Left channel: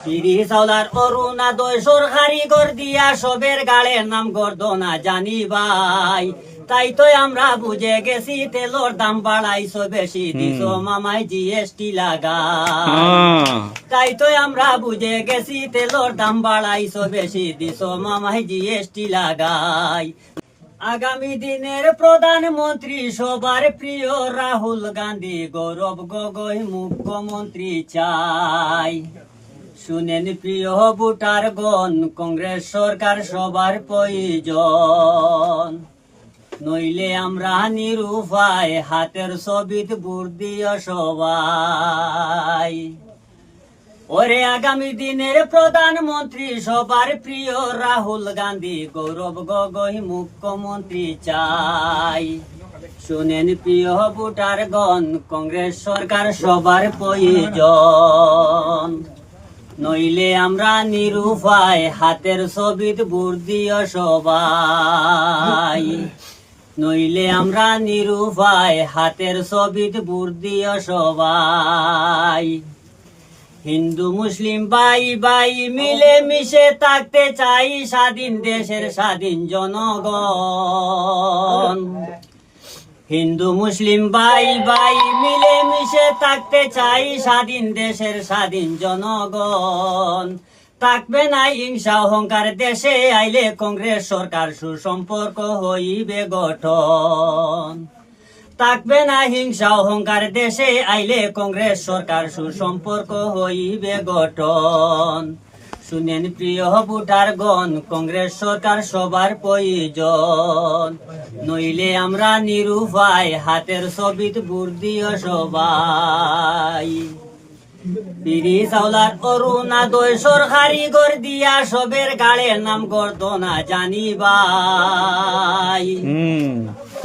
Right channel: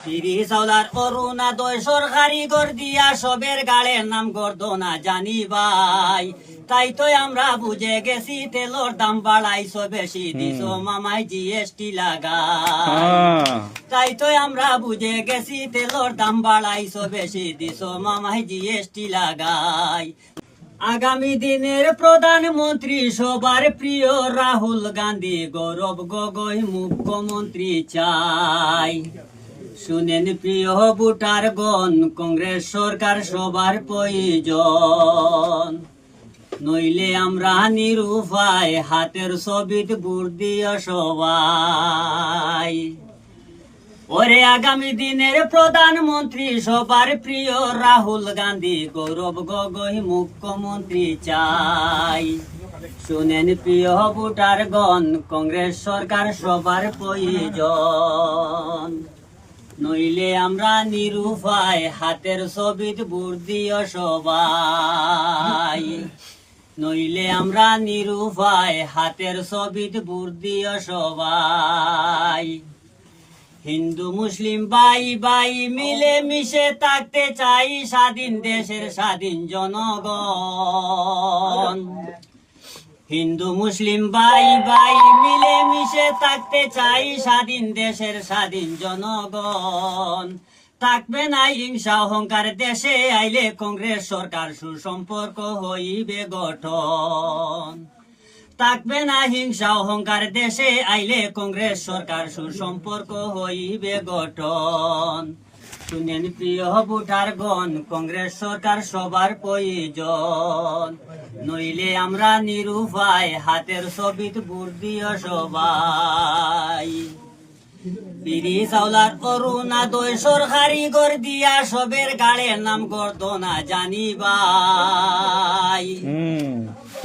তিরি চাউলার অরুণাদয় সরকারি গর দিয়া সবের গাড়ে নাম গর্দ না জানি ভাই। তাই তো আমরা বুঝে গেছি তেলর দাম বাড়াইছো বেশি দিছো মামাই জিএসটি লাগাই। তাই তো আমরা বুঝে গেছি তেলর দাম বাড়াইছো বেশি দিছো মামাই জিএসটি লাগাই। আগামী দিনের প্রধানমন্ত্রী সবার প্রিয় রাহুল গান্ধী, গৌরব গগৈ মুখ্যমন্ত্রী চাই। শুনেন প্রিয় ভোটারগণ, কংগ্রেস সরকার সবার প্রয়োজন। নইলে আমরা নিরুপায়, হাতের ছবিত ভোট দিও সবাই। ওরে আগামী দিনের প্রধানমন্ত্রী সবার প্রিয় রাহুল গান্ধী, গৌরব গগৈ মুখ্যমন্ত্রী চাই। শুনেন প্রিয় ভোটারগণ, কংগ্রেস সরকার সবার প্রয়োজন। নইলে আমরা নিরুপায়, হাতের ছবিত ভোট দিও সবাই। নইলে আমরা নিরুপায়, হাতের ছবিত ভোট দিও সবাই। হিন্দু মুসলিম ভাই ভাই মিলে মিশে থাকতে চাই, স্বাধীন দেশের স্বাধীন জনগণ। হিন্দু মুসলিম ভাই ভাই মিলে মিশে থাকতে চাই, স্বাধীন দেশের স্বাধীন জনগণ। থাকবে না হিংসা অহংকার, দেশে আইলে কংগ্রেস সরকার সুসম্পর্ক হইবে গঠন। থাকবে না হিংসা অহংকার, দেশে আইলে কংগ্রেস সরকার সুসম্পর্ক হইবে গঠন। শুনেন প্রিয় ভোটারগণ, কংগ্রেস সরকার সবার প্রয়োজন। নইলে আমরা নিরুপায়, হাতের ছবিত ভোট দিও সবাই। তিরি চাউলার অরুণাদয় সরকারি গর দিয়া সবের গাড়ের নাম গর্দ না জানি ভাই।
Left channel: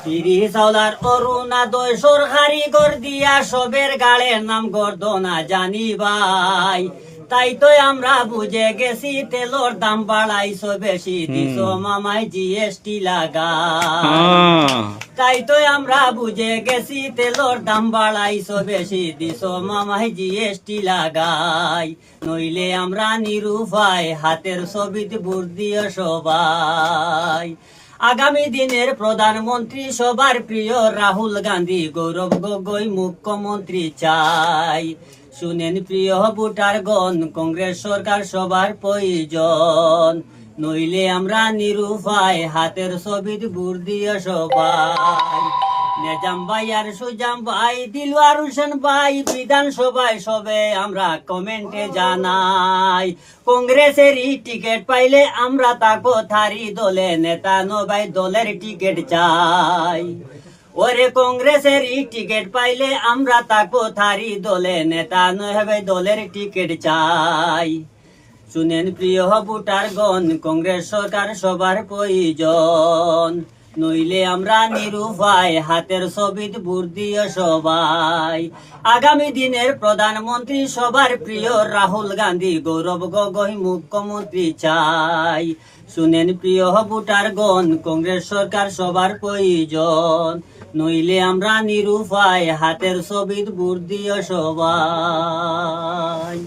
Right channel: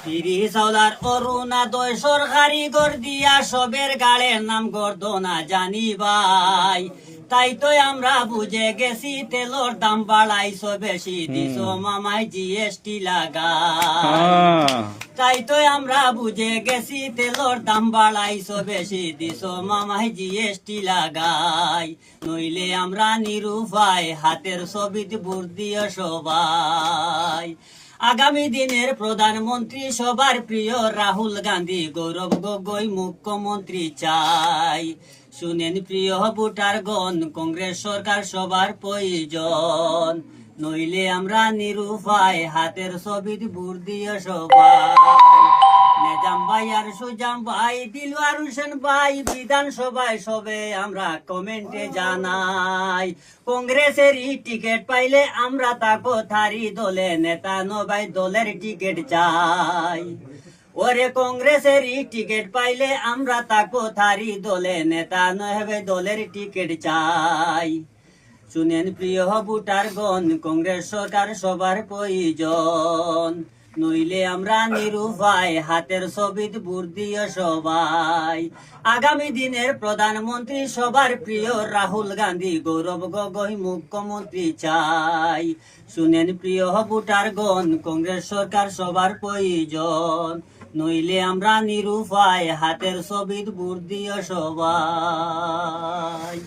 তিরি চাউলার অরুণাদয় সরকারি গর দিয়া সবের গাড়ের নাম গর্দ না জানি ভাই। তাই তো আমরা বুঝে গেছি তেলর দাম বাড়াইছো বেশি দিছো মামাই জিএসটি লাগাই। তাই তো আমরা বুঝে গেছি তেলর দাম বাড়াইছো বেশি দিছো মামাই জিএসটি লাগাই। নইলে আমরা নিরুপায়, হাতের ছবিত ভোট দিও সবাই। আগামী দিনের প্রধানমন্ত্রী সবার প্রিয় রাহুল গান্ধী, গৌরব গগৈ মুখ্যমন্ত্রী চাই। শুনেন প্রিয় ভোটারগণ, কংগ্রেস সরকার সবার প্রয়োজন। নইলে আমরা নিরুপায়, হাতের ছবিত ভোট দিও সবাই। নেজাম ভাই আর সুজাম ভাই, দিলওয়ার হোসেন ভাই বিধানসভায় সবে আমরা কমেন্টে জানাই। কংগ্রেসের টিকিট পাইলে আমরা তাকো থারি দলে, নেতা নবাই দলের টিকিট চাই। ওরে কংগ্রেসের টিকিট পাইলে আমরা তাকো থারি দলে, নেতা নহে দলের টিকিট চাই। শুনেন প্রিয় ভোটারগণ, কংগ্রেস সরকার সবার প্রয়োজন। নইলে আমরা নিরুপায়, হাতের ছবিত ভোট দিও সবাই। আগামী দিনের প্রধানমন্ত্রী সবার প্রিয় রাহুল গান্ধী, গৌরব গগৈ মুখ্যমন্ত্রী চাই। শুনেন প্রিয় ভোটারগণ, কংগ্রেস সরকার সবার প্রয়োজন। নইলে আমরা নিরুপায়, হাতের ছবিত ভোট দিও সবাই।